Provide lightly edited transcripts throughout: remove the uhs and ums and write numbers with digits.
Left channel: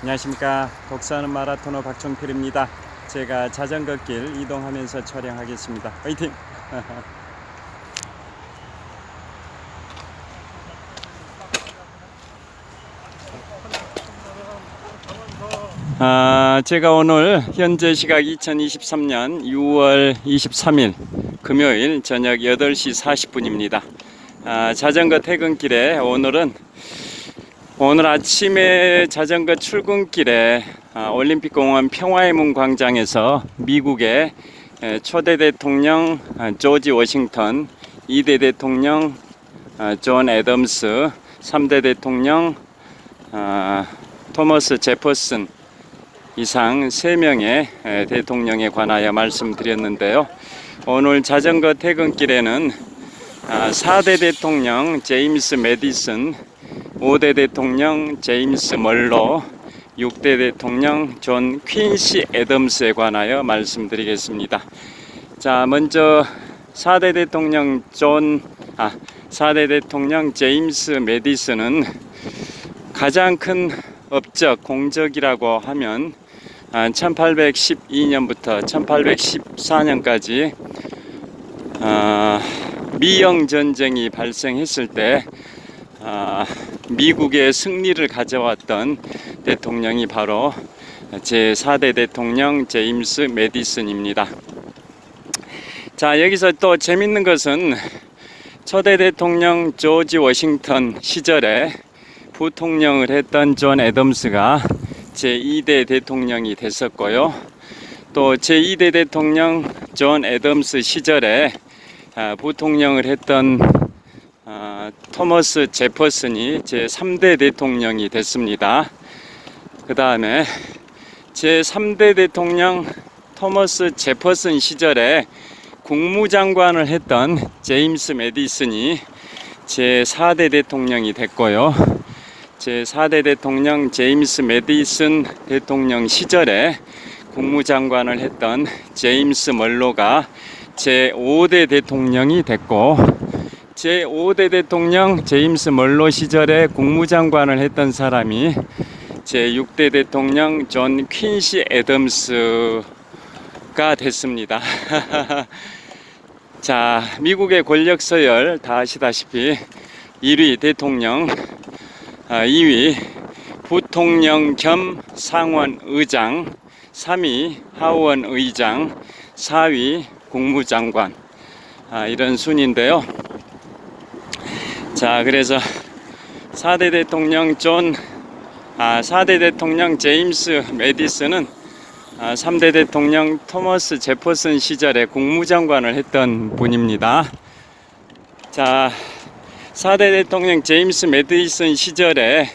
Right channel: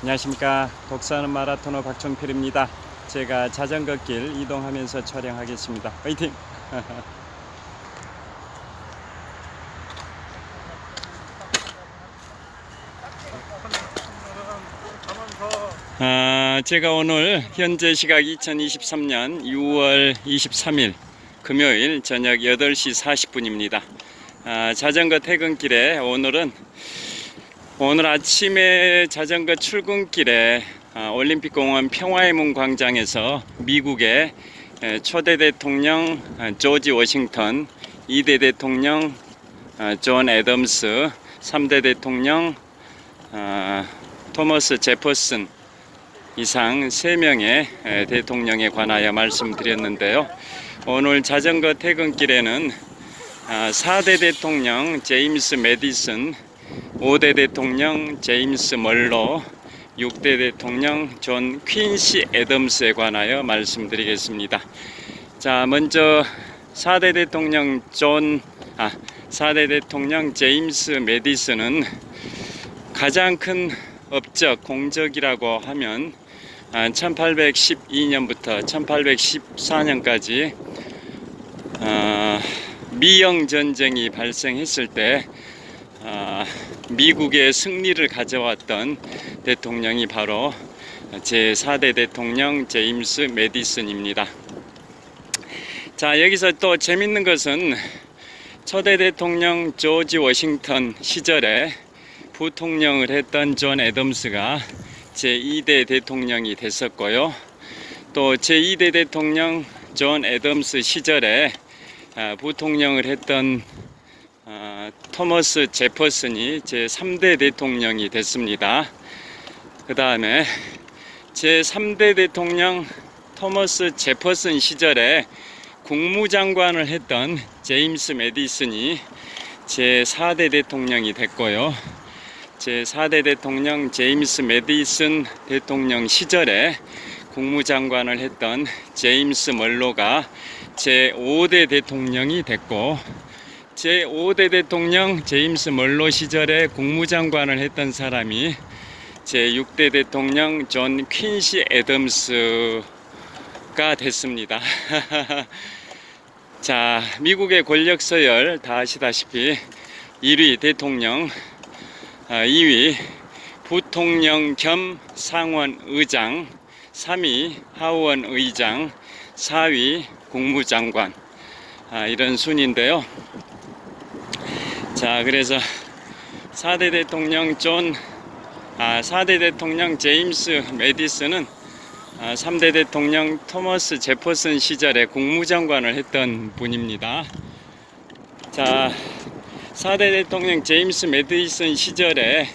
안녕하십니까. 독서하는 마라토너 박종필입니다. 제가 자전거 길 이동하면서 촬영하겠습니다. 화이팅! 제가 오늘 현재 시각 2023년 6월 23일 금요일 저녁 8시 40분입니다. 자전거 퇴근길에 오늘 아침에 자전거 출근길에 올림픽공원 평화의 문 광장에서 미국의 초대 대통령 조지 워싱턴, 2대 대통령 존 애덤스, 3대 대통령 토머스 제퍼슨 이상 3명의 대통령에 관하여 말씀드렸는데요. 오늘 자전거 퇴근길에는 4대 대통령 제임스 매디슨, 5대 대통령 제임스 멀로, 6대 대통령 존 퀸시 애덤스에 관하여 말씀드리겠습니다. 자, 먼저 4대 대통령 제임스 매디슨은 가장 큰 업적, 공적이라고 하면 1812년부터 1814년까지 미영전쟁이 발생했을 때 미국의 승리를 가져왔던 대통령이 바로 제4대 대통령 제임스 매디슨입니다. 자, 여기서 또 재밌는 것은 초대 대통령 조지 워싱턴 시절에 부통령을 했던 존 애덤스가 제2대 대통령이 됐었고요. 또 제2대 대통령 존 애덤스 시절에 부통령을 했던 토머스 제퍼슨이 제3대 대통령이 됐습니다. 그 다음에 제3대 대통령 토머스 제퍼슨 시절에 국무장관을 했던 제임스 매디슨이 제4대 대통령이 됐고요. 제4대 대통령 제임스 매디슨 대통령 시절에 국무장관을 했던 제임스 멀로가 제5대 대통령이 됐고, 제5대 대통령 제임스 멀로 시절에 국무장관을 했던 사람이 제6대 대통령 존 퀸시 애덤스가 됐습니다. 자, 미국의 권력 서열 다 아시다시피 1위 대통령, 2위 부통령 겸 상원 의장, 3위 하원 의장, 4위 국무장관, 이런 순인데요. 자, 그래서 4대 대통령 제임스 매디슨은 3대 대통령 토머스 제퍼슨 시절에 국무장관을 했던 분입니다. 자, 4대 대통령 제임스 매디슨 시절에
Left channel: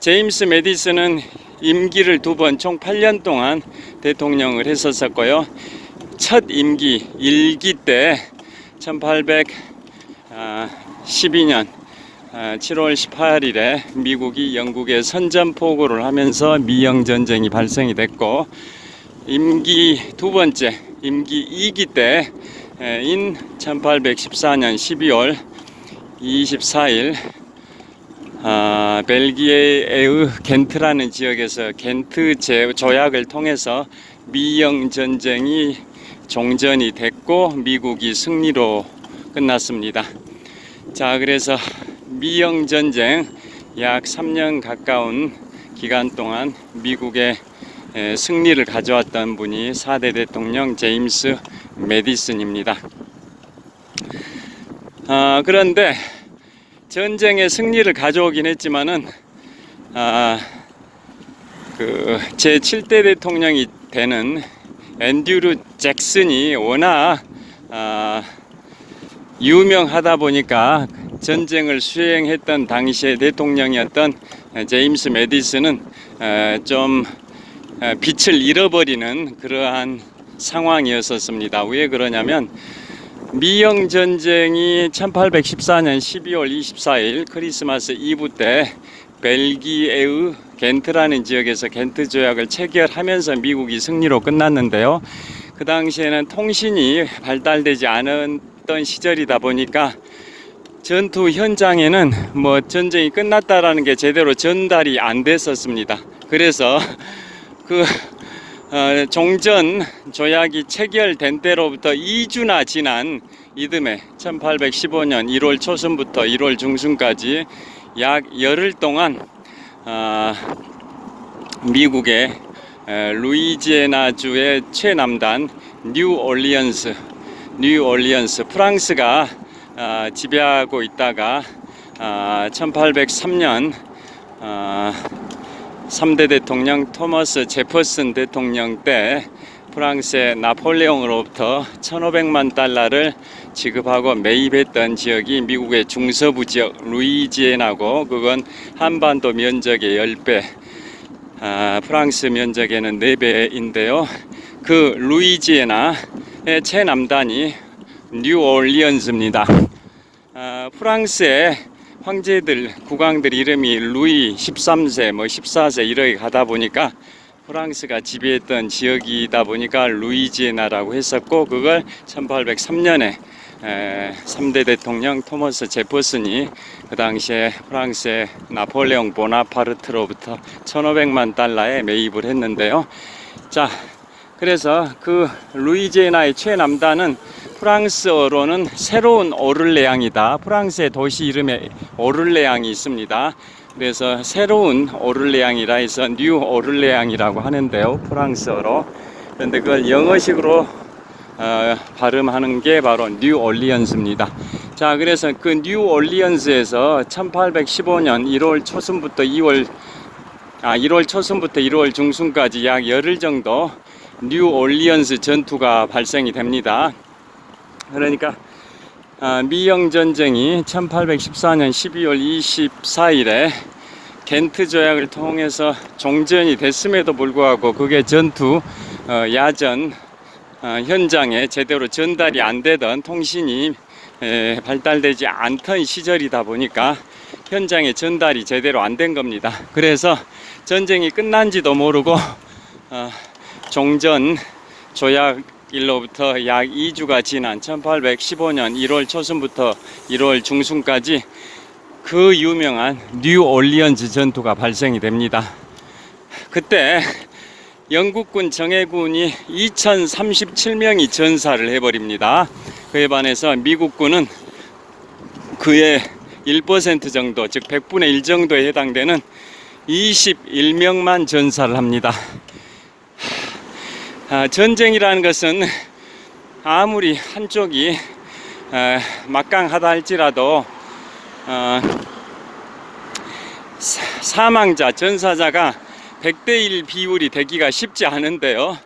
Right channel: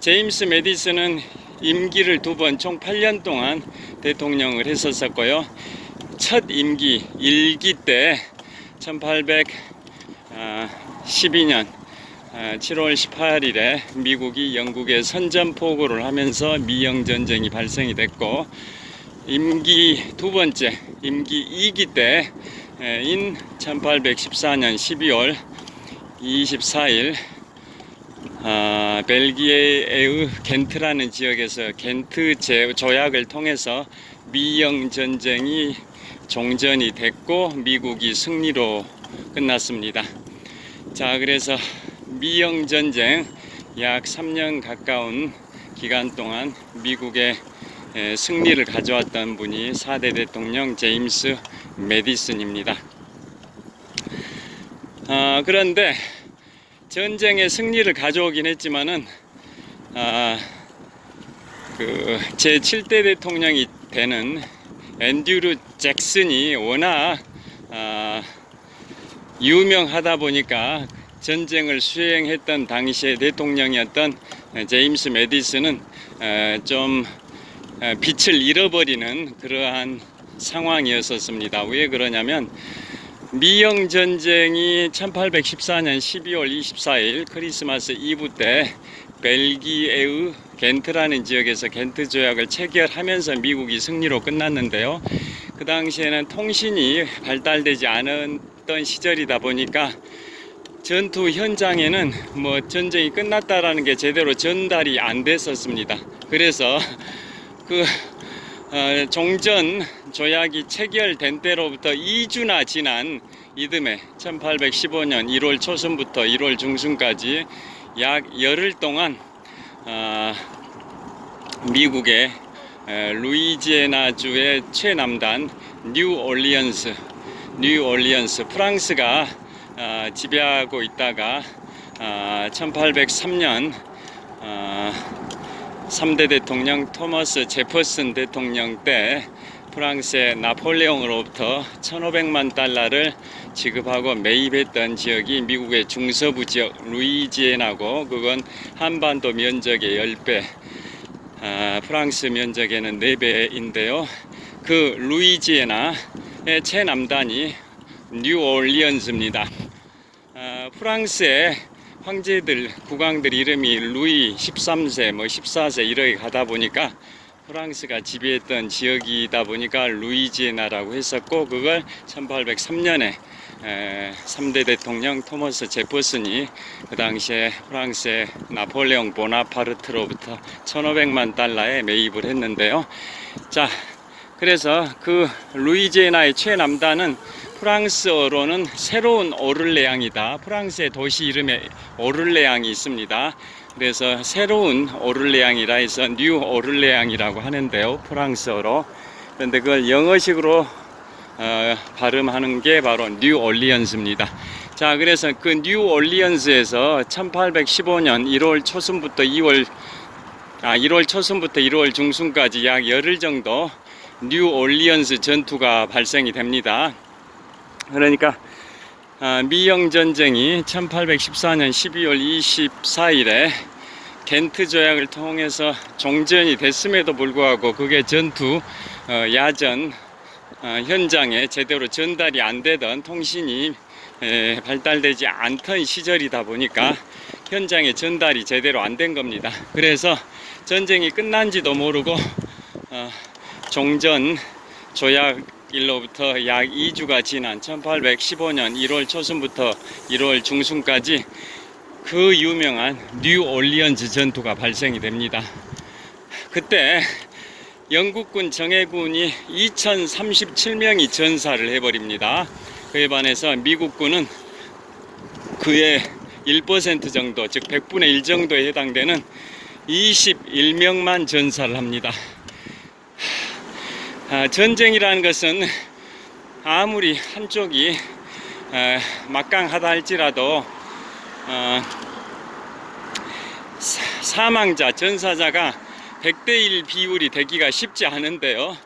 제임스 매디슨은 임기를 2번 총 8년 동안 대통령을 했었고요. 첫 임기 1기 때 1812년 7월 18일에 미국이 영국에 선전포고를 하면서 미영전쟁이 발생이 됐고, 임기 2번째 임기 2기 때인 1814년 12월 24일 벨기에의 겐트라는 지역에서 겐트 조약을 통해서 미영전쟁이 종전이 됐고 미국이 승리로 끝났습니다. 자, 그래서 미영전쟁 약 3년 가까운 기간 동안 미국의 승리를 가져왔던 분이 4대 대통령 제임스 매디슨입니다. 그런데 전쟁의 승리를 가져오긴 했지만은 제7대 대통령이 되는 앤드류 잭슨이 워낙 유명하다 보니까 전쟁을 수행했던 당시의 대통령이었던 제임스 매디슨은 좀 빛을 잃어버리는 그러한 상황이었습니다. 왜 그러냐면 미영전쟁이 1814년 12월 24일 크리스마스 이브 때 벨기에의 겐트라는 지역에서 겐트 조약을 체결하면서 미국이 승리로 끝났는데요. 그 당시에는 통신이 발달되지 않았던 시절이다 보니까 전투 현장에는 뭐 전쟁이 끝났다라는 게 제대로 전달이 안 됐었습니다. 그래서 그 종전 조약이 체결된 때로부터 2주나 지난 이듬해 1815년 1월 초순부터 1월 중순까지 약 열흘 동안 미국의 루이지애나주의 최남단 뉴올리언스 프랑스가 지배하고 있다가 1803년 3대 대통령 토머스 제퍼슨 대통령 때 프랑스의 나폴레옹으로부터 1500만 달러를 지급하고 매입했던 지역이 미국의 중서부 지역 루이지애나고, 그건 한반도 면적의 10배, 프랑스 면적에는 4배인데요. 그 루이지애나의 최남단이 뉴올리언스입니다. 프랑스의 황제들, 국왕들 이름이 루이 13세, 14세 이렇게 가다 보니까 프랑스가 지배했던 지역이다 보니까 루이지애나라고 했었고, 그걸 1803년에 3대 대통령 토머스 제퍼슨이 그 당시에 프랑스의 나폴레옹 보나파르트로부터 1500만 달러에 매입을 했는데요. 자, 그래서 그 루이지애나의 최남단은 프랑스어로는 새로운 오를레앙이다. 프랑스의 도시 이름에 오를레앙이 있습니다. 그래서 새로운 오를레앙이라 해서 뉴 오를레앙이라고 하는데요, 프랑스어로. 그런데 그걸 영어식으로 발음하는 게 바로 뉴올리언스입니다. 자, 그래서 그 뉴올리언스에서 1815년 1월 초순부터 1월 중순까지 약 열흘 정도 뉴올리언스 전투가 발생이 됩니다. 그러니까 미영 전쟁이 1814년 12월 24일에 겐트 조약을 통해서 종전이 됐음에도 불구하고 그게 전투 야전 현장에 제대로 전달이 안 되던, 통신이 발달되지 않던 시절이다 보니까 현장에 전달이 제대로 안 된 겁니다. 그래서 전쟁이 끝난지도 모르고 종전 조약일로부터 약 2주가 지난 1815년 1월 초순부터 1월 중순까지 그 유명한 뉴올리언스 전투가 발생이 됩니다. 그때 영국군 정예군이 2037명이 전사를 해버립니다. 그에 반해서 미국군은 그의 1% 정도, 즉 100분의 1 정도에 해당되는 21명만 전사를 합니다. 전쟁이라는 것은 아무리 한쪽이 막강하다 할지라도 사망자, 전사자가 100대1 비율이 되기가 쉽지 않은데요.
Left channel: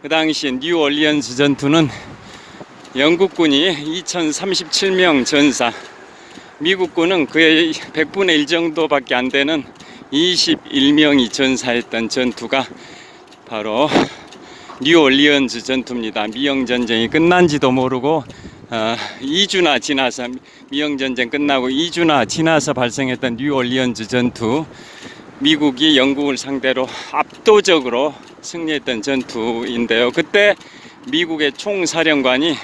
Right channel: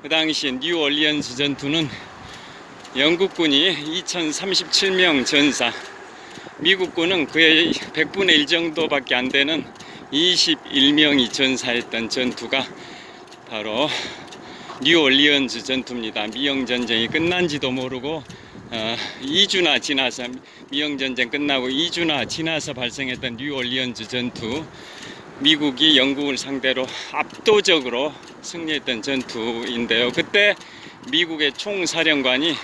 그 당시 뉴올리언스 전투는 영국군이 2037명 전사, 미국군은 그의 100분의 1 정도밖에 안 되는 21명이 전사했던 전투가 바로 뉴올리언스 전투입니다. 미영전쟁이 끝난지도 모르고 2주나 지나서, 미영전쟁 끝나고 2주나 지나서 발생했던 뉴올리언스 전투, 미국이 영국을 상대로 압도적으로 승리했던 전투인데요. 그때 미국의 총사령관이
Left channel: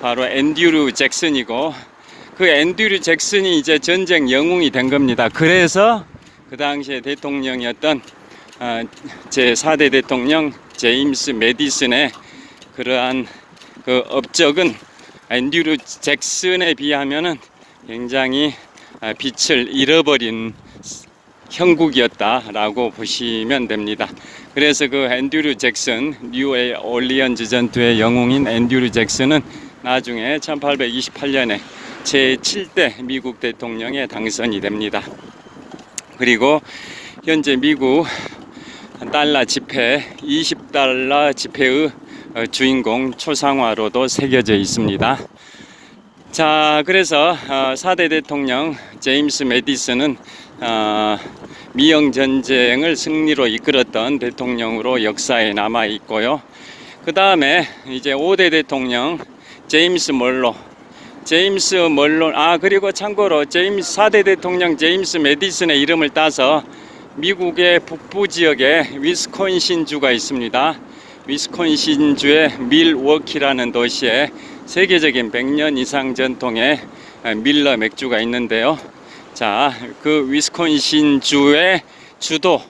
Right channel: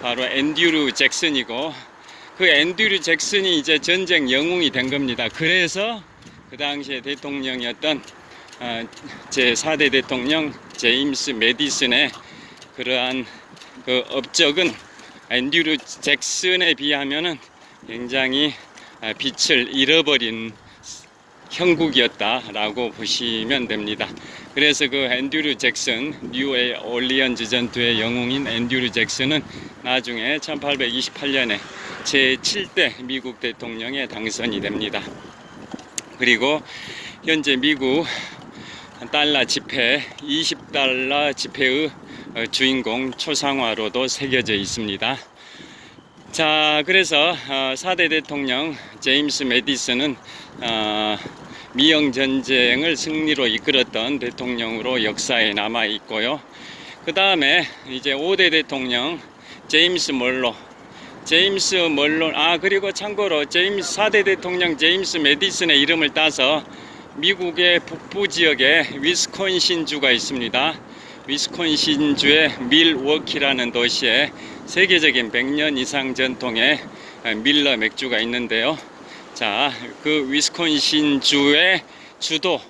바로 앤드류 잭슨이고, 그 앤드류 잭슨이 이제 전쟁 영웅이 된 겁니다. 그래서 그 당시에 대통령이었던 제4대 대통령 제임스 매디슨의 그러한 그 업적은 앤드류 잭슨에 비하면은 굉장히 빛을 잃어버린 형국이었다라고 보시면 됩니다. 그래서 그 앤드류 잭슨, 뉴올리언스 전투의 영웅인 앤드류 잭슨은 나중에 1828년에 제7대 미국 대통령에 당선이 됩니다. 그리고 현재 미국 달러 지폐, 20달러 지폐의 주인공 초상화로도 새겨져 있습니다. 자, 그래서 4대 대통령 제임스 매디슨은 미영전쟁을 승리로 이끌었던 대통령으로 역사에 남아 있고요. 그 다음에 이제 5대 대통령 제임스 멀로, 그리고 참고로 4대 대통령 제임스 매디슨의 이름을 따서 미국의 북부 지역에 위스콘신 주가 있습니다. 위스콘신주의 밀워키라는 도시에 세계적인 100년 이상 전통의 밀러 맥주가 있는데요. 자, 그 위스콘신주의 주도,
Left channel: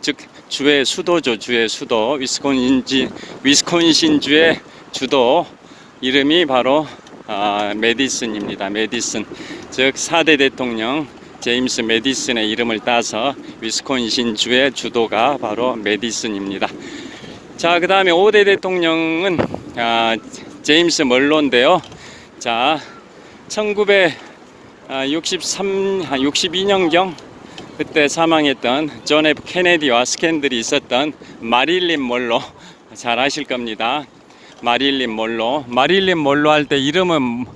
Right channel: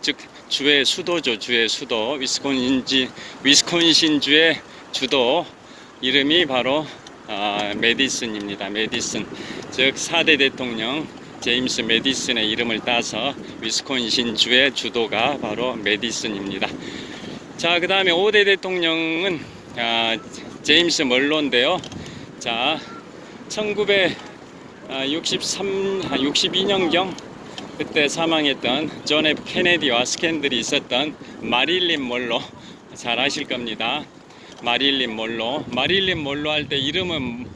즉 주의 수도죠. 주의 수도. 위스콘신주의 주도 이름이 바로 메디슨입니다. 메디슨, 즉 4대 대통령 제임스 메디슨의 이름을 따서 위스콘신주의 주도가 바로 메디슨입니다. 자, 그 다음에 5대 대통령은 제임스 멀로인데요. 자, 1962년경 그때 사망했던 존 F 케네디와 스캔들이 있었던 마릴린 멀로, 잘 아실 겁니다. 마릴린 멀로 할 때 이름은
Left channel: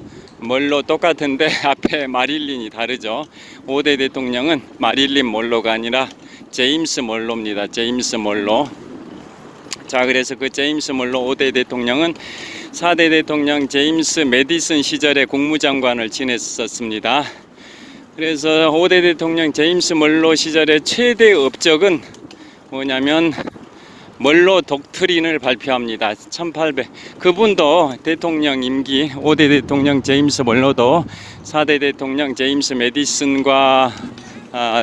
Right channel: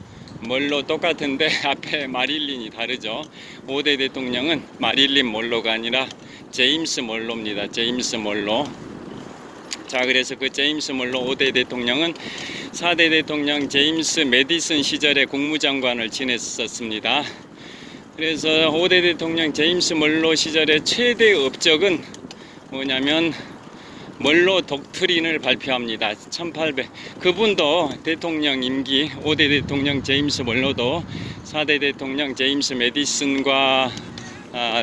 멀로 똑같은데 앞에 마릴린이 다르죠. 5대 대통령은 마릴린 멀로가 아니라 제임스 멀로입니다. 제임스 멀로. 자, 그래서 그 제임스 멀로 5대 대통령은 4대 대통령 제임스 메디슨 시절에 국무장관을 지냈었습니다. 그래서 5대 대통령 제임스 멀로 시절의 최대 업적은 뭐냐면 멀로 독트린을 발표합니다. 1800. 그분도 대통령 임기, 5대 대통령 제임스 멀로도 4대 대통령 제임스 메디슨과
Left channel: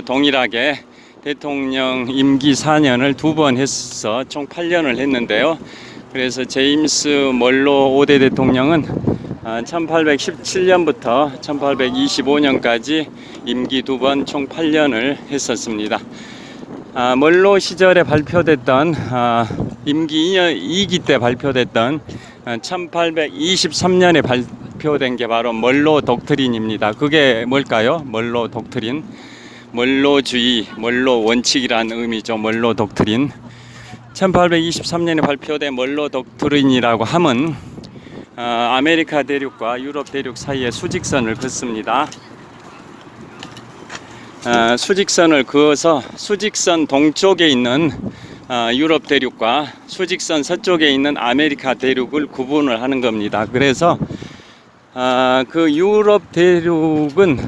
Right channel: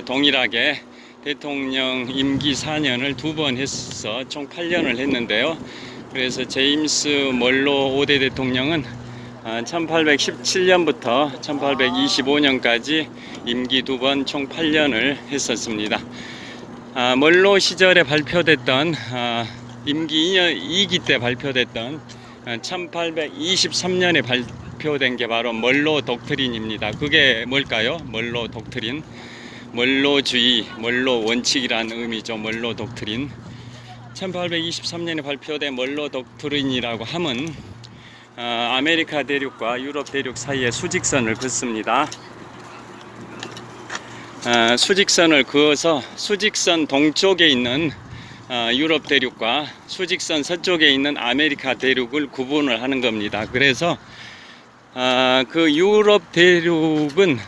동일하게 대통령 임기 4년을 2번 해서 총 8년을 했는데요. 그래서 제임스 멀로 5대 대통령은 1817년부터 1825년까지 임기 2번 총 8년을 했었습니다. 멀로 시절에 발표됐던 임기 2기 때 발표됐던 1823년에 발표된 게 바로 멀로 독트린입니다. 그게 뭘까요? 멀로 독트린, 멀로주의, 멀로 원칙이라는 의미죠. 멀로 독트린. 1823년에 발표된 멀로 독트린이라고 함은 아메리카 대륙과 유럽 대륙 사이에 수직선을 긋습니다. 수직선을 그어서 수직선 동쪽에 있는 유럽 대륙과 수직선 서쪽에 있는 아메리카 대륙을 구분을 하는 겁니다. 그래서 그 유럽 대륙은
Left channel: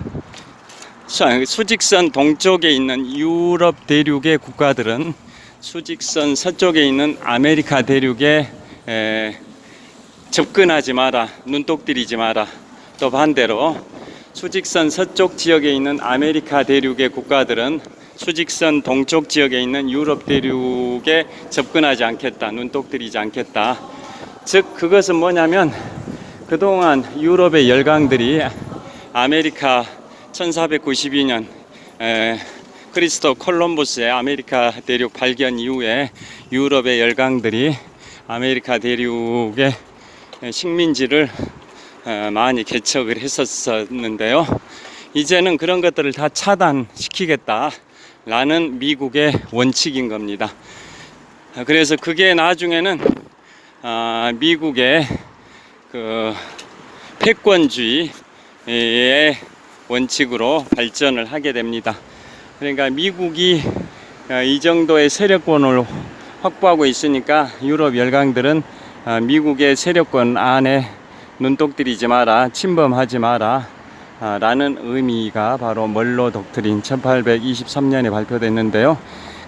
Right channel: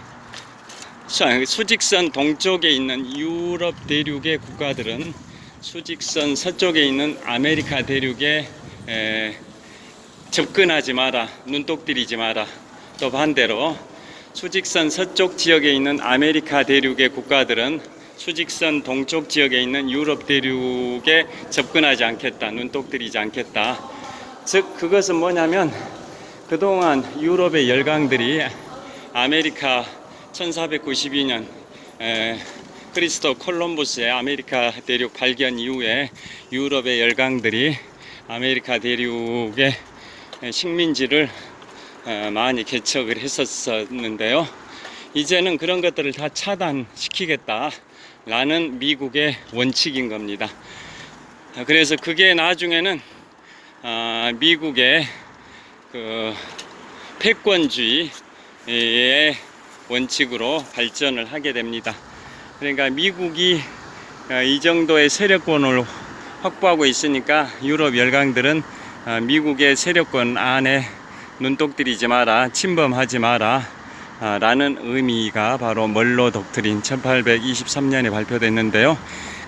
수직선 동쪽에 있는 유럽 대륙의 국가들은 수직선 서쪽에 있는 아메리카 대륙에 접근하지 마라, 눈독 들이지 마라. 또 반대로 수직선 서쪽 지역에 있는 아메리카 대륙의 국가들은 수직선 동쪽 지역에 있는 유럽 대륙에 접근하지 않겠다, 눈독 들이지 않겠다. 즉 그것은 뭐냐면 그동안 유럽의 열강들이 아메리카 1492년 크리스토 콜럼버스의 아메리카 대륙 발견 이후에 유럽의 열강들이 아메리카 대륙의 식민지를 많이 개척을 했었는데요. 이제는 그런 것들을 다 차단시키겠다라는 미국의 원칙인 겁니다. 그래서 그게 나중에는 미국의 그 패권주의의 원칙으로 발전을 하게 됩니다. 그러니까 미국이 이 정도의 세력권을 확보하고 있으니까 유럽 열강들은 미국의 세력권 안에 눈독 들이지 마라, 침범하지 마라 라는 의미가 바로 멀로 독트린 1823년에 발표됐는데요.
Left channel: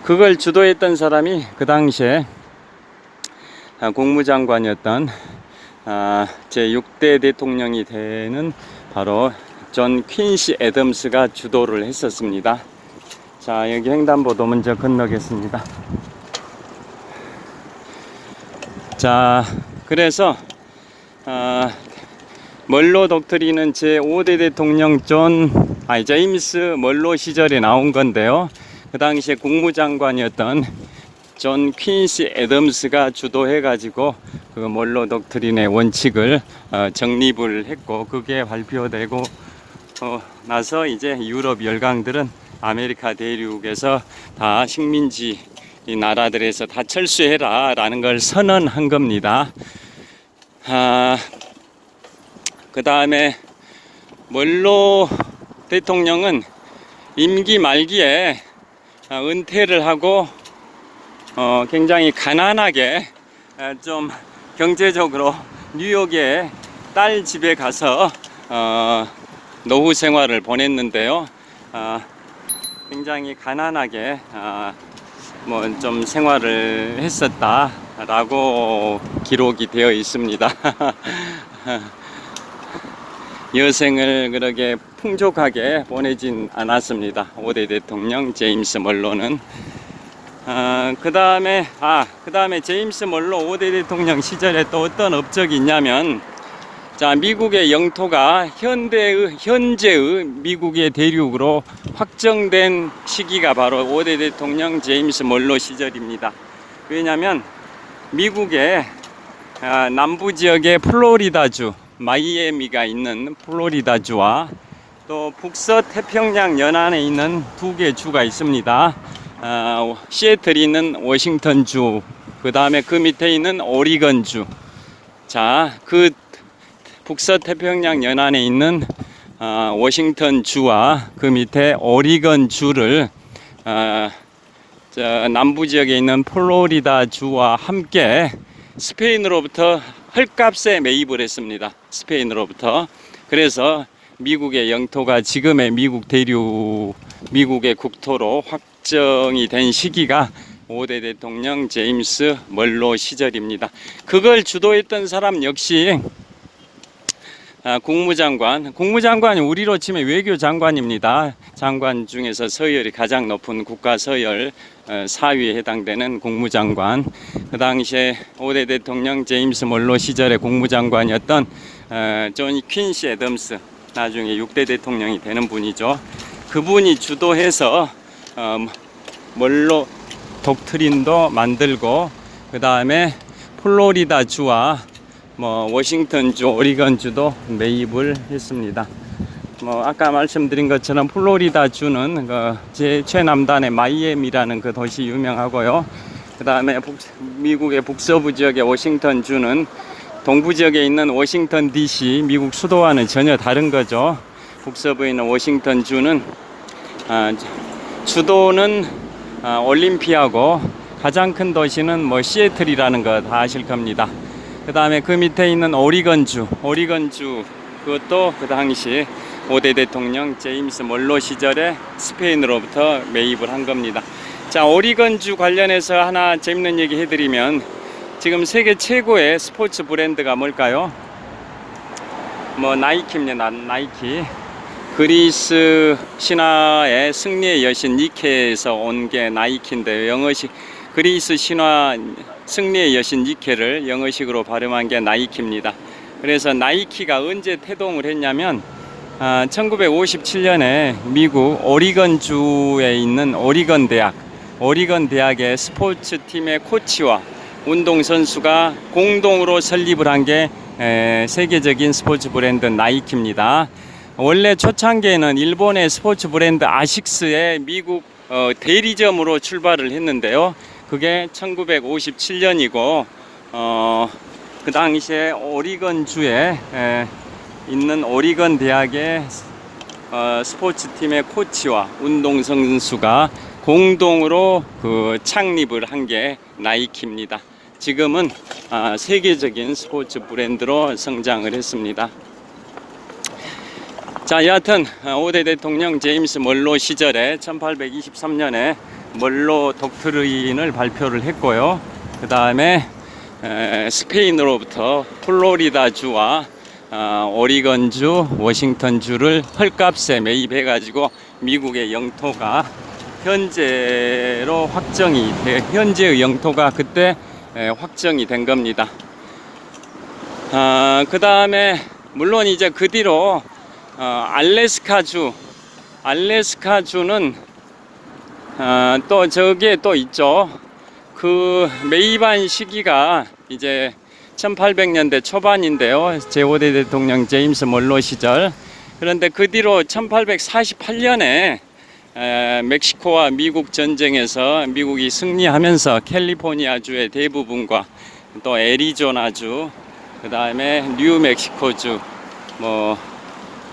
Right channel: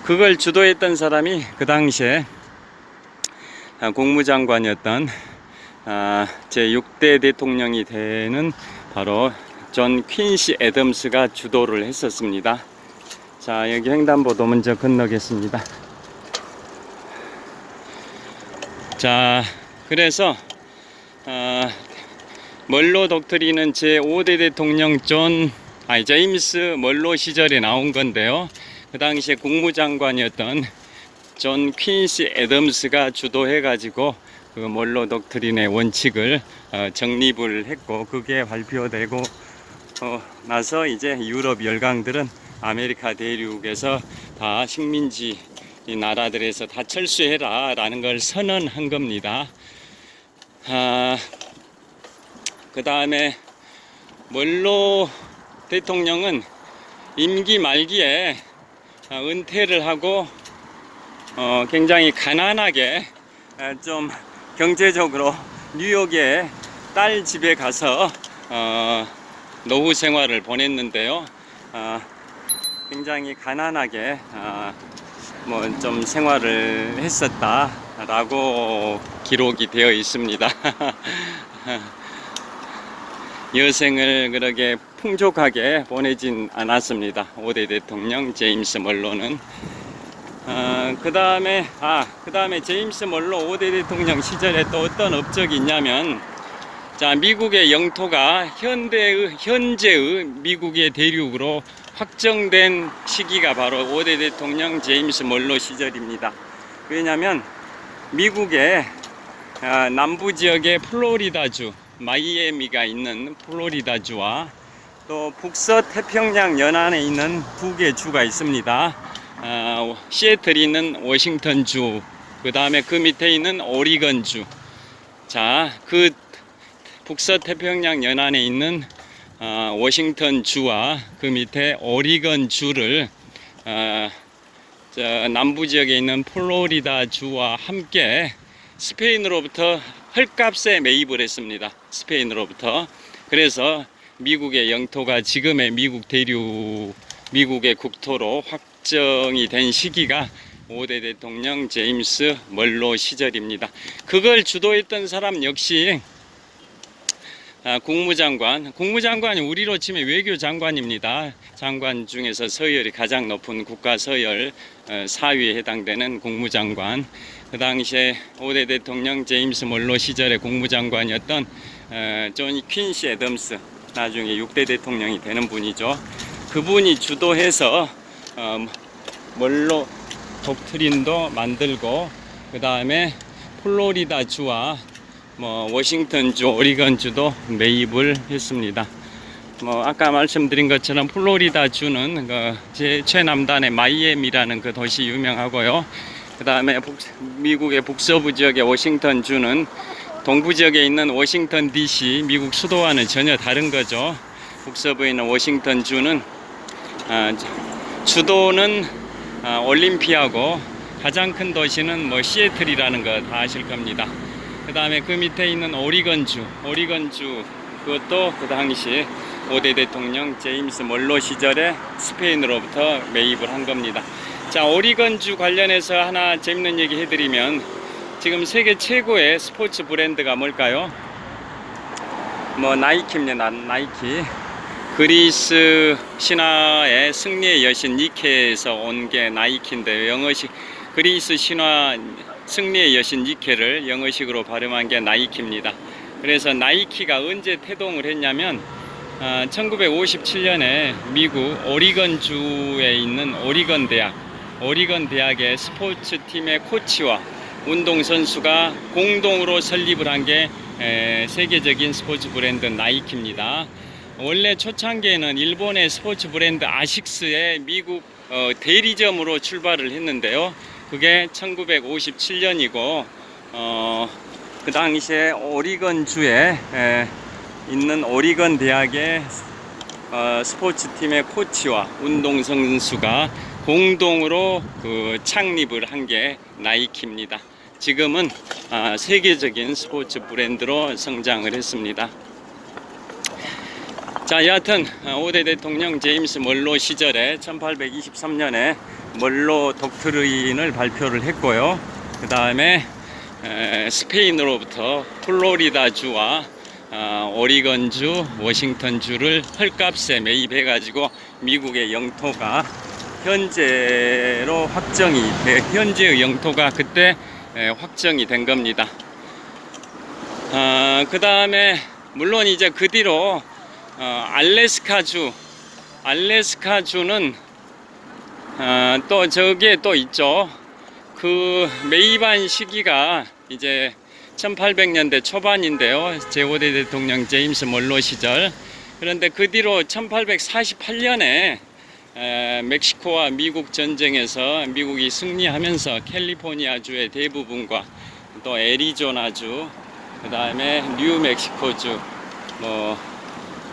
그걸 주도했던 사람이 그 당시에 국무장관이었던 제6대 대통령이 되는 바로 존 퀸시 애덤스가 주도를 했었습니다. 자, 여기 횡단보도 먼저 건너겠습니다. 자, 그래서 멀로 독트린은 제5대 대통령 제임스 멀로 시절에 나온 건데요. 그 당시에 국무장관이었던 존 퀸시 애덤스가 주도해가지고 그 멀로 독트린의 원칙을 정립을 했고, 그게 발표되고 나서 이제 유럽 열강들은 아메리카 대륙에서 다 식민지 이 나라들에서 다 철수해라 라는 걸 선언한 겁니다. 그 다음에 멀로 대통령은 임기 말기에 은퇴를 하고 굉장히 가난하게 좀 경제적으로 뉴욕의 딸 집에 가서 노후 생활을 보냈는데요. 굉장히 가난하게 뭐 좀 생활을 했었다 라고 기록이 되어 있습니다. 여생을 그렇게 풍족하게 보내진 않았습니다. 5대 대통령 제임스 멀로는. 그 다음에 제임스 멀로 5대 대통령 시절에 또 어떤 업적이 있냐면, 자, 미국의 영토가 현재의 미국의 대륙으로 확정된 시기가 바로 5대 대통령 제임스 멀로 시절입니다. 왜냐하면 미국의 남부 지역의 플로리다주, 마이애미가 있는 플로리다주와 또 북서태평양 연안에 있는 두 개 주가 있습니다. 시애틀이 있는 워싱턴주, 그 다음에 그 밑에 있는 오리건주. 자, 그 북서태평양 연안에 있는 워싱턴주와 그 밑에 오리건주를 남부 지역에 있는 플로리다주와 함께 스페인으로부터 헐값에 매입을 했습니다. 스페인으로부터. 그래서 미국의 영토가 지금의 미국의 국토로 확정이 된 시기가 5대 대통령 제임스 멀로 시절입니다. 그걸 주도했던 사람 역시 국무장관이 우리로 치면 외교장관입니다. 장관 중에서 서열이 가장 높은 국가 서열 4위에 해당되는 국무장관. 그 당시에 5대 대통령 제임스 멀로 시절의 국무장관이었던 존 퀸시 애덤스, 나중에 6대 대통령이 되는 분이죠. 그분이 주도해서 멀로 독트린도 만들고, 그 다음에 플로리다주와 워싱턴주, 오리건주도 매입을 했습니다. 아까 말씀드린 것처럼 플로리다주는 최남단의 마이애미라는 그 도시 유명하고요. 그 다음에 미국의 북서부 지역의 워싱턴주는 동부 지역에 있는 워싱턴 DC, 미국 수도와는 전혀 다른 거죠. 북서부에 있는 워싱턴주는 주도는 올림피아고 가장 큰 도시는 시애틀이라는 거 다 아실 겁니다. 그 다음에 그 밑에 있는 오리건주, 그것도 그 당시 5대 대통령 제임스 멀로 시절에 스페인으로부터 매입을 한 겁니다. 자, 오리건주 관련해서 하나 재밌는 얘기 해드리면, 지금 세계 최고의 스포츠 브랜드가 뭘까요? 나이키입니다. 나이키. 그리스 신화의 승리의 여신 니케에서 온 게 나이키인데, 그리스 신화 승리의 여신 니케를 영어식으로 발음한 게 나이키입니다. 그래서 나이키가 언제 태동을 했냐면 1957년에 미국 오리건주에 있는 오리건 대학의 스포츠팀의 코치와 운동선수가 공동으로 설립을 한 게 세계적인 스포츠 브랜드 나이키입니다. 원래 초창기에는 일본의 스포츠 브랜드 아식스의 미국 대리점으로 출발을 했는데요. 그게 1957년이고 그 당시에 오리건주에 있는 오리건 대학의 스포츠팀의 코치와 운동선수가 공동으로 창립을 한 게 나이키입니다. 지금은 세계적인 스포츠 브랜드로 성장을 했습니다. 자, 여하튼 5대 대통령 제임스 멀로 시절에 1823년에 멀로 독트린을 발표를 했고요. 그 다음에 스페인으로부터 플로리다주와 오리건주, 워싱턴주를 헐값에 매입해 가지고 미국의 영토가 현재의 영토가 그때 확정이 된 겁니다. 그 다음에 물론 이제 그 뒤로 알래스카주는 또 저기에 또 있죠. 그 매입한 시기가 이제 1800년대 초반인데요. 제5대 대통령 제임스 멀로 시절. 그런데 그 뒤로 1848년에 멕시코와 미국 전쟁에서 미국이 승리하면서 캘리포니아주의 대부분과 또 애리조나주, 그 다음에 뉴멕시코주,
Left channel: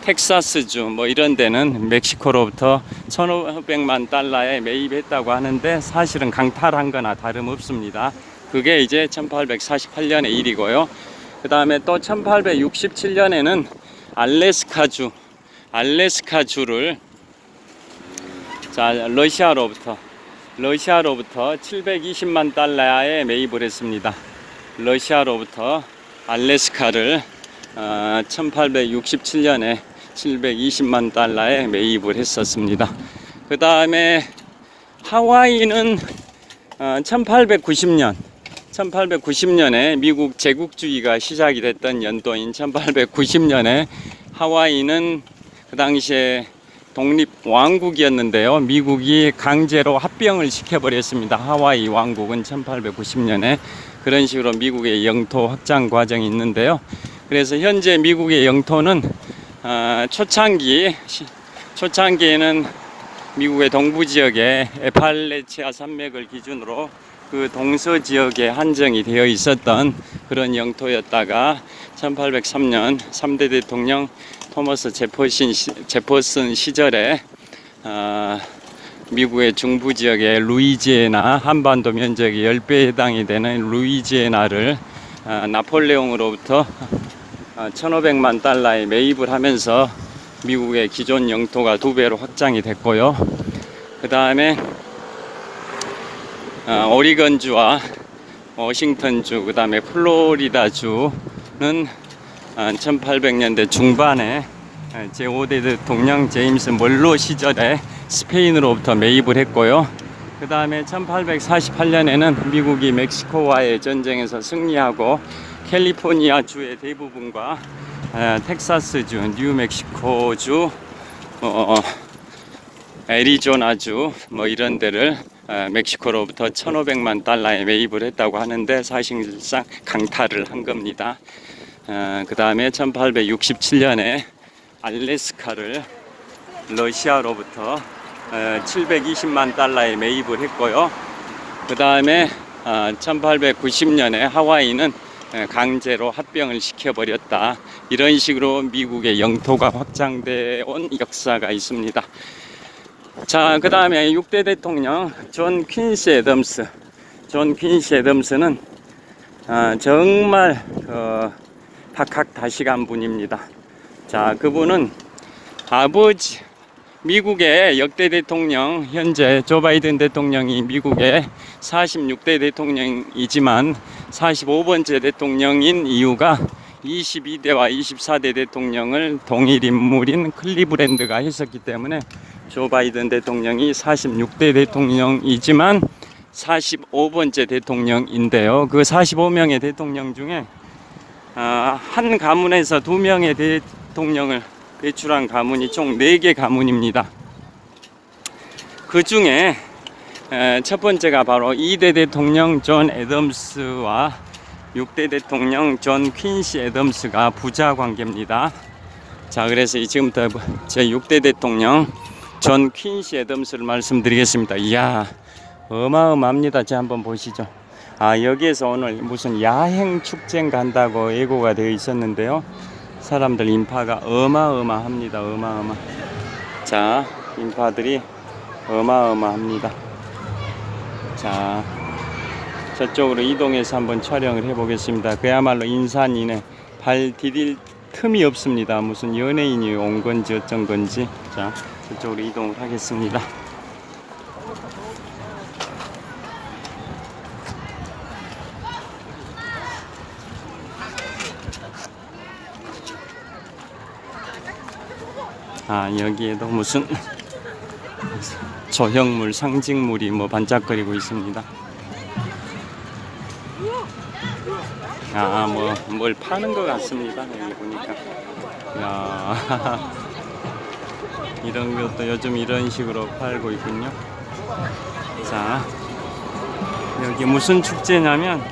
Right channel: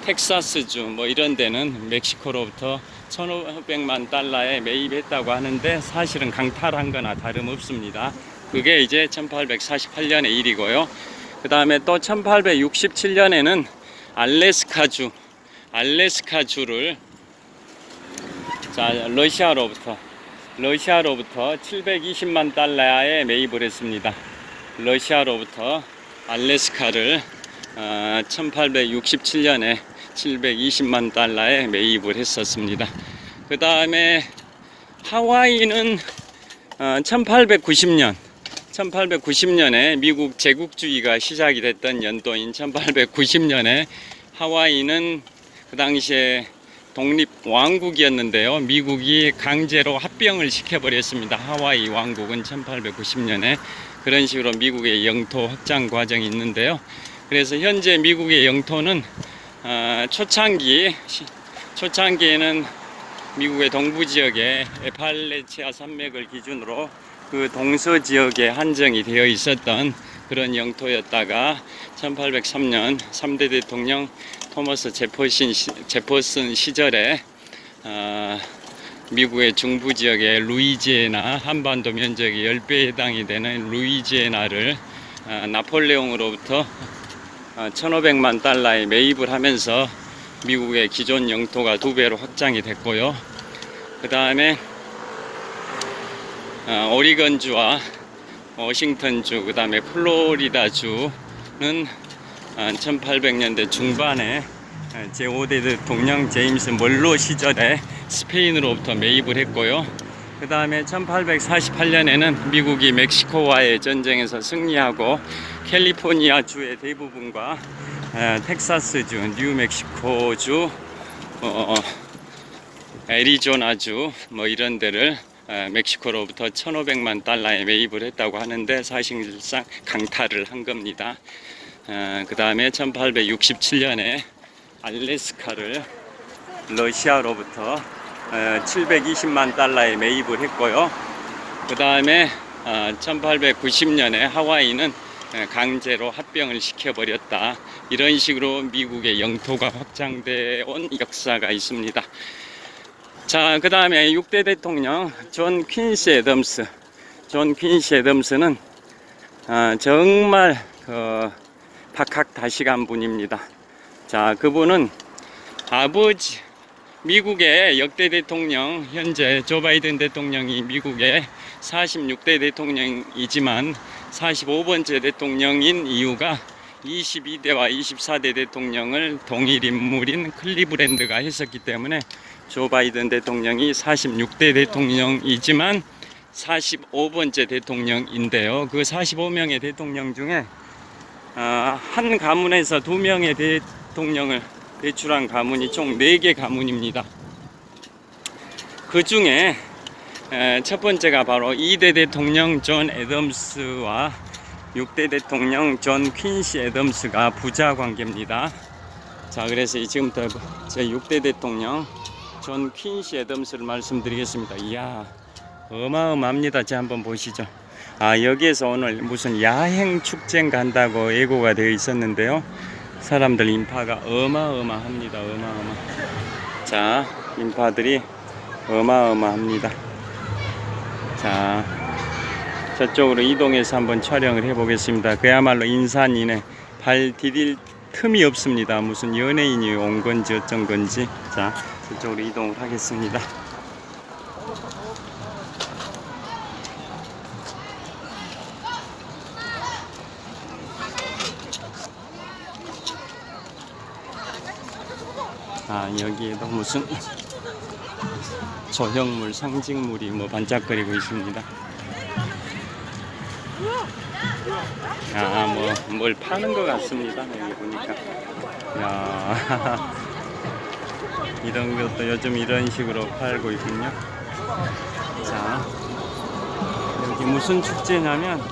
텍사스주 이런 데는 멕시코로부터 1,500만 달러에 매입했다고 하는데, 사실은 강탈한 거나 다름없습니다. 그게 이제 1848년의 일이고요. 그 다음에 또 1867년에는 알래스카주를 러시아로부터 러시아로부터 720만 달러에 매입을 했습니다. 러시아로부터 알래스카를 1867년에 720만 달러에 매입을 했었습니다. 그 다음에 하와이는 1890년에 미국 제국주의가 시작이 됐던 연도인 1890년에 하와이는 그 당시에 독립 왕국이었는데요. 미국이 강제로 합병을 시켜버렸습니다. 하와이 왕국은 1890년에 그런 식으로 미국의 영토 확장 과정이 있는데요. 그래서 현재 미국의 영토는 초창기에는 미국의 동부 지역에 에팔레치아 산맥을 기준으로 그 동서 지역에 한정이 되어 있었던 그런 영토였다가 1803년 3대 대통령 토머스 제퍼슨 시절에 미국의 중부 지역의 루이지애나 한반도 면적의 10배에 해당이 되는 루이지애나를 나폴레옹으로부터 1500만 달러에 매입을 하면서 미국의 기존 영토가 2배로 확장이 됐고요. 그 다음에 오리건주와 워싱턴주, 그 다음에 플로리다주는 1800년대 중반에 제5대 대통령 제임스 멀로 시절에 스페인으로부터 매입을 했고요. 그 다음에 1848년에는 미국이 멕시코와의 전쟁에서 승리하고 캘리포니아주의 대부분과 텍사스주, 뉴멕시코주, 애리조나주 뭐 이런 데를 멕시코로부터 1500만 달러에 매입을 했다고 하는데 사실상 강탈을 한 겁니다. 그 다음에 1867년에 알래스카를 러시아로부터 720만 달러에 매입을 했고요. 그 다음에 1890년에 하와이는 강제로 합병을 시켜버렸다. 이런 식으로 미국의 영토가 확장되어 온 역사가 있습니다. 자, 그 다음에 6대 대통령 존 퀸시 애덤스는 정말 박학다식한 분입니다. 자, 그분은 미국의 역대 대통령, 현재 조 바이든 대통령이 미국의 46대 대통령이지만 45번째 대통령인 이유가 22대와 24대 대통령을 동일 인물인 클리브랜드가 했었기 때문에 조 바이든 대통령이 46대 대통령이지만 45번째 대통령인데요. 그 45명의 대통령 중에 한 가문에서 2명의 대통령을 배출한 가문이 총 4개 가문입니다. 그 중에 첫 번째가 바로 2대 대통령 존 애덤스와 6대 대통령 존 퀸시 애덤스가 부자 관계입니다. 자, 그래서 지금부터 제 6대 대통령 존 퀸시 애덤스를 말씀드리겠습니다. 이야, 어마어마합니다. 자, 한번 보시죠. 여기에서 오늘 무슨 야행 축제인가 한다고 예고가 되어 있었는데요. 사람들 인파가 어마어마합니다. 자, 인파들이 어마어마합니다. 자, 저쪽으로 이동해서 한번 촬영을 해보겠습니다. 그야말로 인산이네. 발 디딜 틈이 없습니다. 무슨 연예인이 온 건지 어쩐 건지. 자, 저쪽으로 이동을 하겠습니다. 여기에도 무슨 조형물, 상징물이 뭐 반짝거리고 있습니다. 뭘 파는 것 같습니다. 여기 보니까. 이런 것도 요즘 이런 식으로 팔고 있군요. 자, 여기 무슨 축제냐면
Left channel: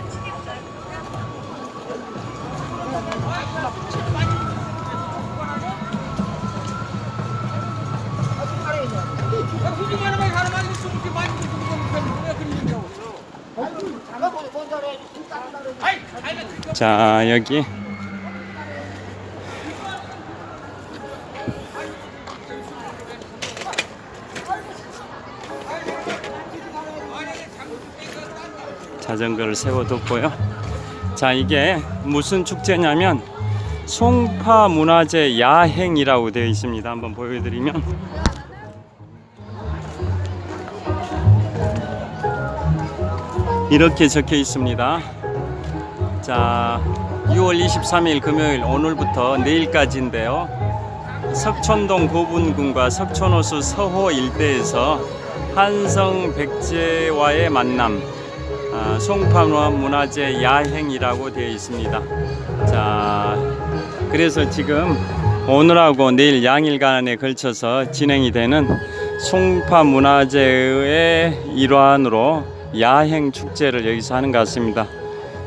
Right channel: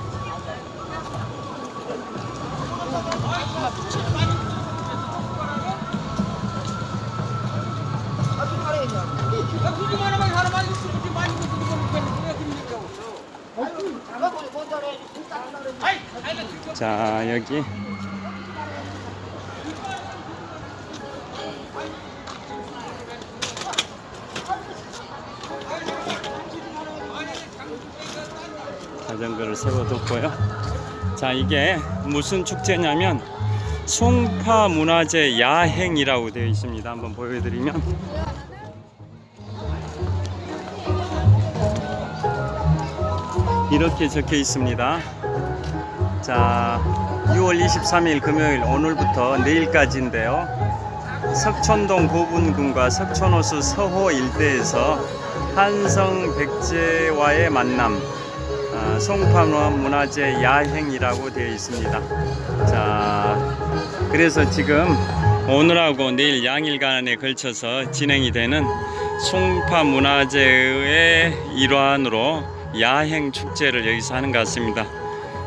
자, 여기 자전거를 세워뒀고요. 자, 이게 무슨 축제냐면 송파 문화재 야행이라고 되어 있습니다. 한번 보여드리면 이렇게 적혀 있습니다. 자, 6월 23일 금요일 오늘부터 내일까지인데요. 석촌동 고분군과 석촌호수 서호 일대에서 한성 백제와의 만남, 송파문화재 야행이라고 되어 있습니다. 자, 그래서 지금 오늘하고 내일 양일간에 걸쳐서 진행이 되는 송파문화재의 일환으로 야행 축제를 여기서 하는 것 같습니다.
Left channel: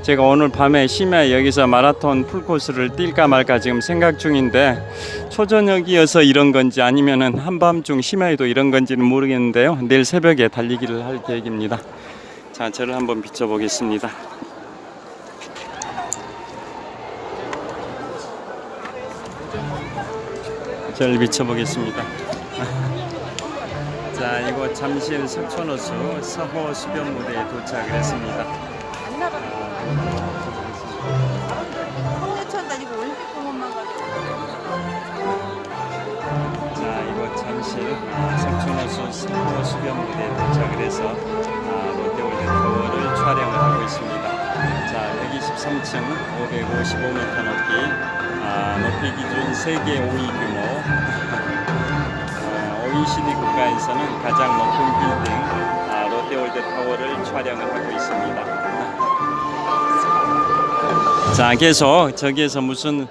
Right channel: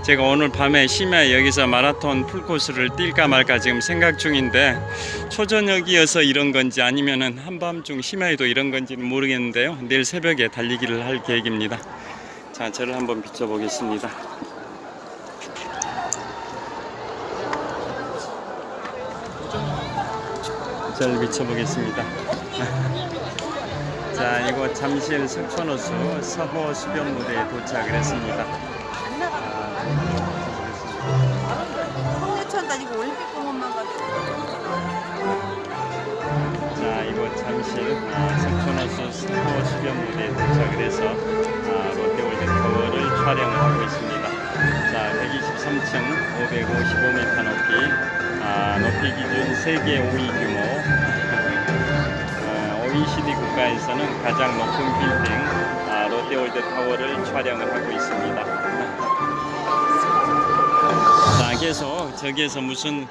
제가 오늘 밤에 심야 여기서 마라톤 풀코스를 뛸까 말까 지금 생각 중인데, 초저녁이어서 이런 건지 아니면은 한밤중 심야에도 이런 건지는 모르겠는데요. 내일 새벽에 달리기를 할 계획입니다. 자, 저를 한번 비춰보겠습니다. 저를 비춰보겠습니다. 자, 이곳 잠실 석촌호수 서호 수변무대에 도착을 했습니다. 자, 이곳 잠실 석촌호수 서호 수변무대에 도착을 해서 롯데월드 타워를 촬영을 하고 있습니다. 자, 123층 555m 높이 기준 세계 5위 규모, OECD 국가에서는 가장 높은 빌딩 롯데월드 타워를 촬영을 하고 있습니다. 자, 계속 저기에서 무슨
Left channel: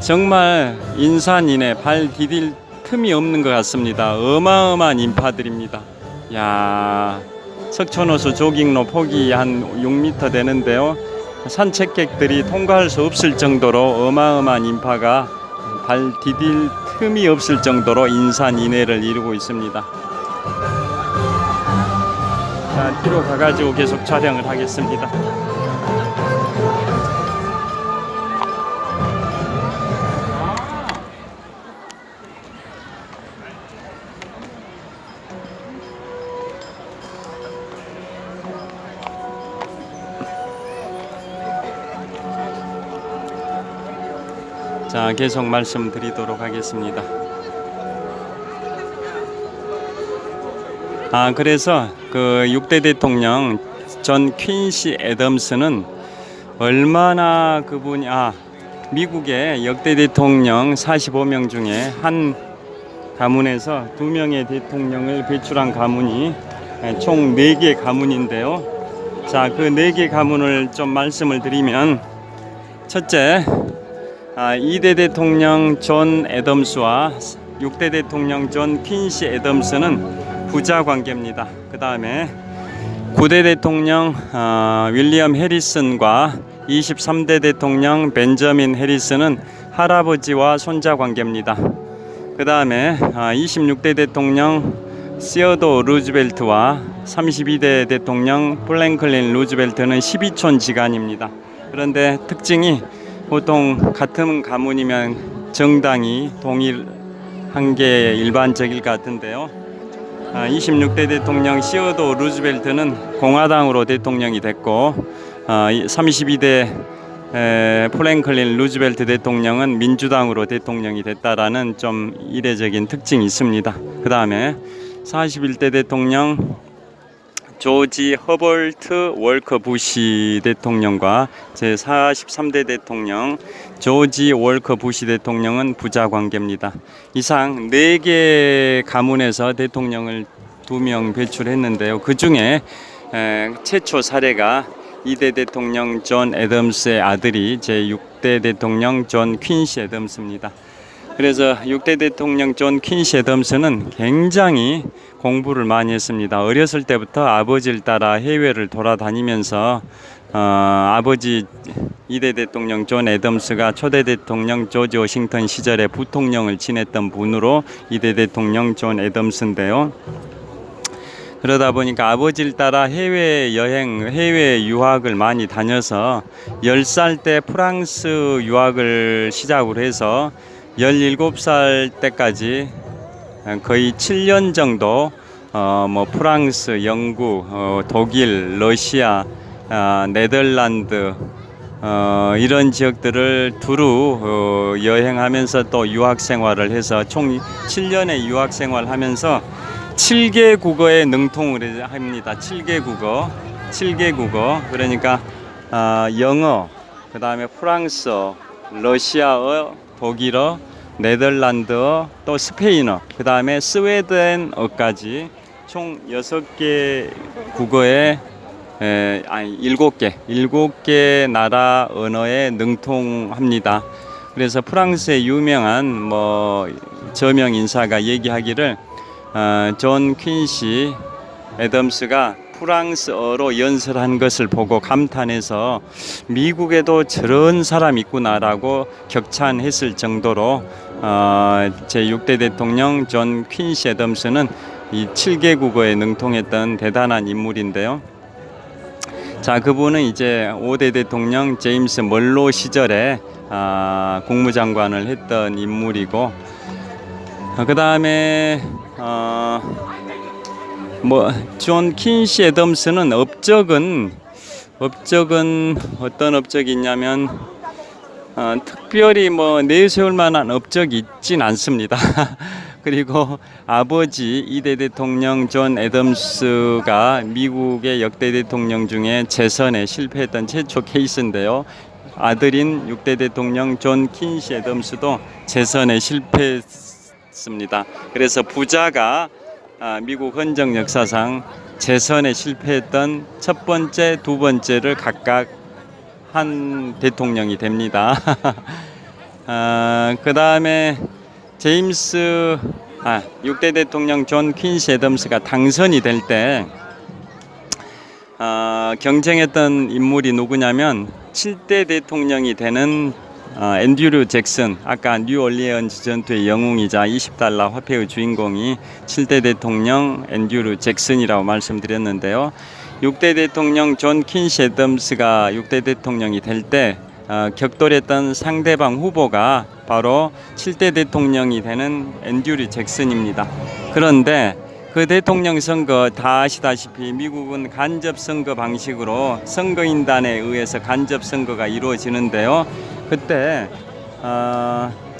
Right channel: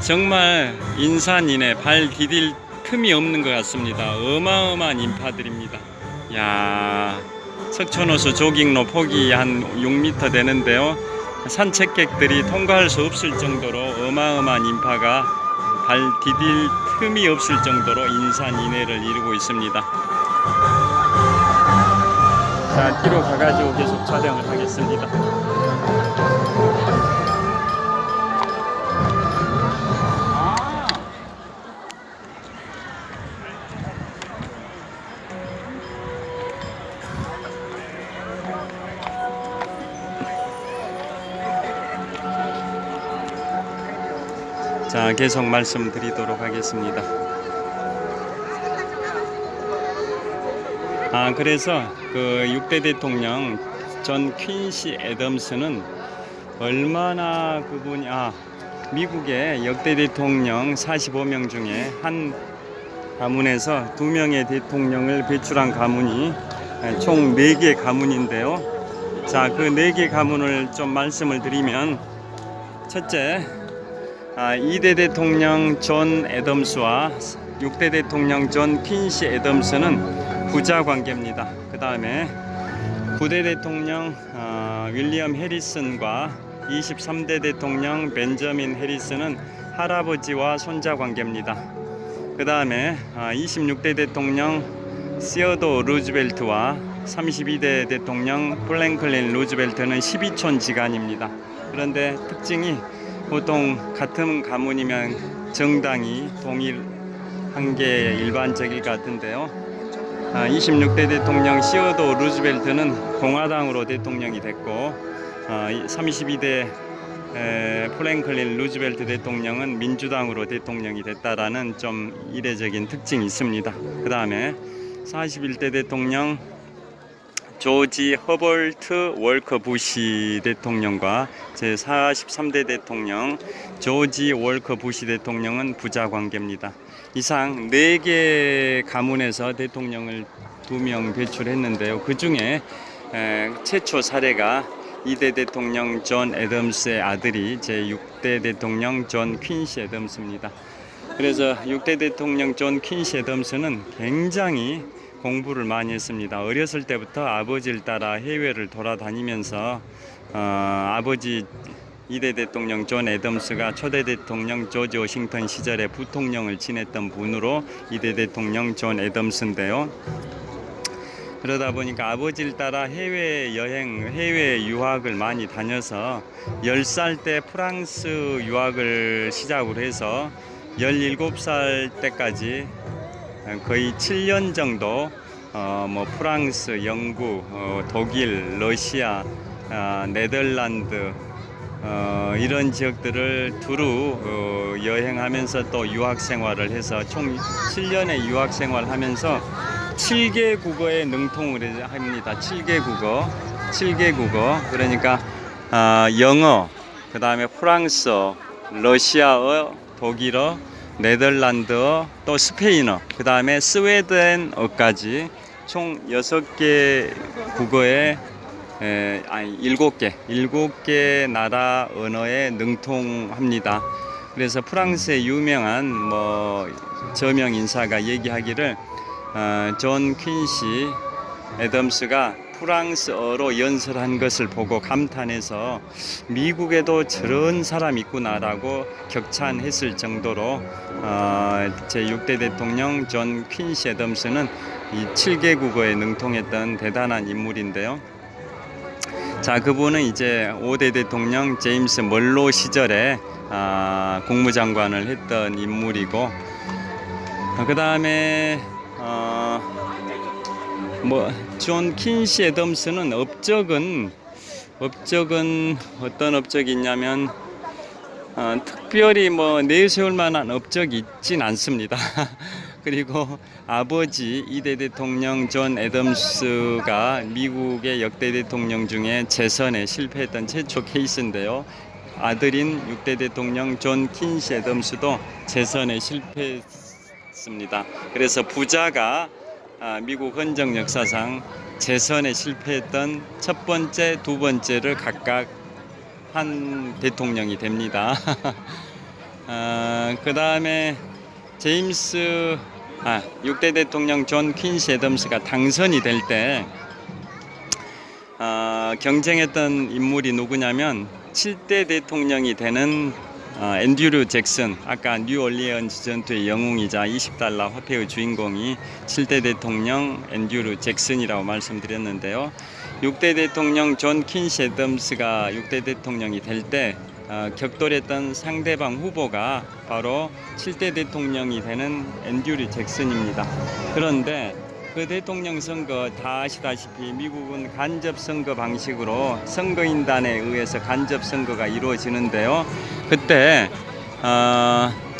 정말 인산인해 발 디딜 틈이 없는 것 같습니다. 어마어마한 인파들입니다. 야, 석촌호수 조깅로 폭이 한 6m 되는데요. 산책객들이 통과할 수 없을 정도로 어마어마한 인파가 발 디딜 틈이 없을 정도로 인산인해를 이루고 있습니다. 자, 뒤로 가가지고 계속 촬영을 하겠습니다. 자, 계속 말씀드리도록 하겠습니다. 그래서 그 6대 대통령 존 퀸시 애덤스는 얼마나 그분이 미국의 역대 대통령 45명 중에 한 가문에서 2명의 대통령을 배출한 가문이 총 4개 가문인데요. 자, 그 4개 가문을 좀 말씀을 드리면, 첫째, 2대 대통령 존 애덤스와 6대 대통령 존 퀸시 애덤스는 부자 관계입니다. 그 다음에 9대 대통령 윌리엄 해리슨과 23대 대통령 벤저민 해리슨은 할아버지와 손자 관계입니다. 그 다음에 26대 대통령 시어도 루즈벨트와 32대 대통령 플랭클린 루즈벨트는 12촌 지간입니다. 그런데 특징이, 보통 같은 가문이면 정당이 동일한 게 일반적일 것 같은데요. 26대 대통령 시어도 루즈벨트는 공화당으로 대통령이 됐고, 32대 플랭클린 루즈벨트 대통령은 민주당으로 대통령이 됐다라는 좀 이례적인 특징이 있습니다. 그 다음에 41대 대통령 조지 허버트 월커 부시 대통령과 제43대 대통령 조지 월커 부시 대통령은 부자 관계입니다. 이상 4개 가문에서 대통령을 2명 배출했는데요. 그 중에 최초 사례가 2대 대통령 존 애덤스의 아들이 제6대 대통령 존 퀸시 애덤스입니다. 그래서 6대 대통령 존 퀸시 애덤스는 굉장히 공부를 많이 했습니다. 어렸을 때부터 아버지를 따라 해외를 돌아다니면서 아버지 2대 대통령 존 애덤스가 초대 대통령 조지 워싱턴 시절에 부통령을 지냈던 분으로 2대 대통령 존 애덤스인데요. 그러다 보니까 아버지를 따라 해외여행, 해외 유학을 많이 다녀서 10살 때 프랑스 유학을 시작으로 해서 17살 때까지 거의 7년 정도 프랑스, 영국, 독일, 러시아, 네덜란드 이런 지역들을 두루 여행하면서 또 유학 생활을 해서 총 7년의 유학 생활하면서 7개 국어에 능통을 합니다. 7개 국어. 7개 국어, 그러니까 영어, 그 다음에 프랑스어, 러시아어, 독일어, 네덜란드어, 또 스페인어, 그 다음에 스웨덴어까지 총 6개 국어에 7개 나라 언어에 능통합니다. 그래서 프랑스의 유명한 저명 인사가 얘기하기를 존 퀸시 애덤스가 프랑스어로 연설한 것을 보고 감탄해서 미국에도 저런 사람 있구나라고 격찬했을 정도로 제6대 대통령 존 퀸시 애덤스는 이 7개 국어에 능통했던 대단한 인물인데요. 자, 그분은 이제 5대 대통령 제임스 멀로 시절에 국무장관을 했던 인물이고, 그 다음에 존 퀸시 애덤스는 업적은 어떤 업적이 있냐면 특별히 내세울 만한 업적이 있진 않습니다. 그리고 아버지 2대 대통령 존 애덤스가 미국의 역대 대통령 중에 재선에 실패했던 최초 케이스인데요. 아들인 6대 대통령 존 퀸시 애덤스도 재선에 실패했습니다. 그래서 부자가 미국 헌정 역사상 재선에 실패했던 첫 번째, 두 번째를 각각 한 대통령이 됩니다. 그 다음에 6대 대통령 존 퀸시 애덤스가 당선이 될 때 경쟁했던 인물이 누구냐면 7대 대통령이 되는 앤드류 잭슨, 아까 뉴올리언즈 전투의 영웅이자 $20 화폐의 주인공이 7대 대통령 앤드류 잭슨이라고 말씀드렸는데요. 6대 대통령 존 퀸시 애덤스가 6대 대통령이 될 때 격돌했던 상대방 후보가 바로 7대 대통령이 되는 앤드류 잭슨입니다. 그런데 그 대통령 선거 다 아시다시피 미국은 간접 선거 방식으로 선거인단에 의해서 간접 선거가 이루어지는데요. 그때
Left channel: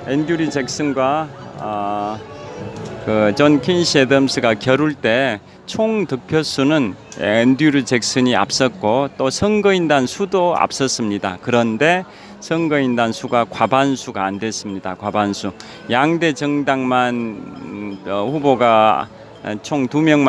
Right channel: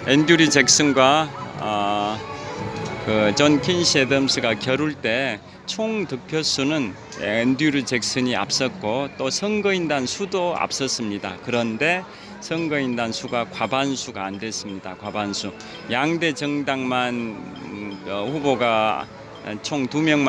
앤드류 잭슨과 존 퀸시 애덤스가 겨룰 때 총 득표수는 앤드류 잭슨이 앞섰고 또 선거인단 수도 앞섰습니다. 그런데 선거인단 수가 과반수가 안 됐습니다. 과반수. 양대 정당만 후보가 총 2명만